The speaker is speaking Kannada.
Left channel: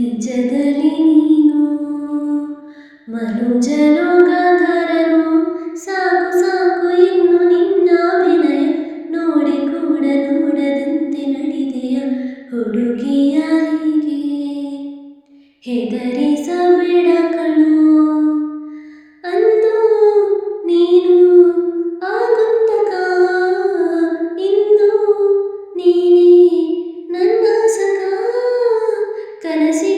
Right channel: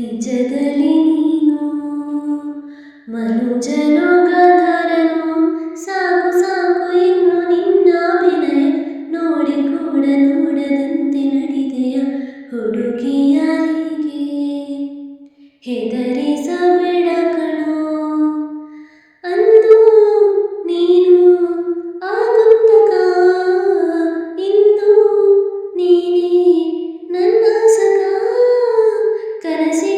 ನಿಜದಲ್ಲಿ ನೀನು ಮನುಜನು ಗಂಧರನು ಸಾಕು ಸಾಕು, ಇನ್ನು ನಿನ್ನಾಭಿನಯ ನೋಡಿ ಕೂಡ ನೋಡದಂತೆ ನಡೆದೆಯ ಹುಡುಗಿಯರಿಗೆ ಹೆದರಿಸಬೇಡ ಕಣೋ, ಅಂದು ನೀನು ಆಗುತ್ತಕ? ಇಂದು ನೀನೇ ನನ್ನ ಸಕ ಕನಸಿ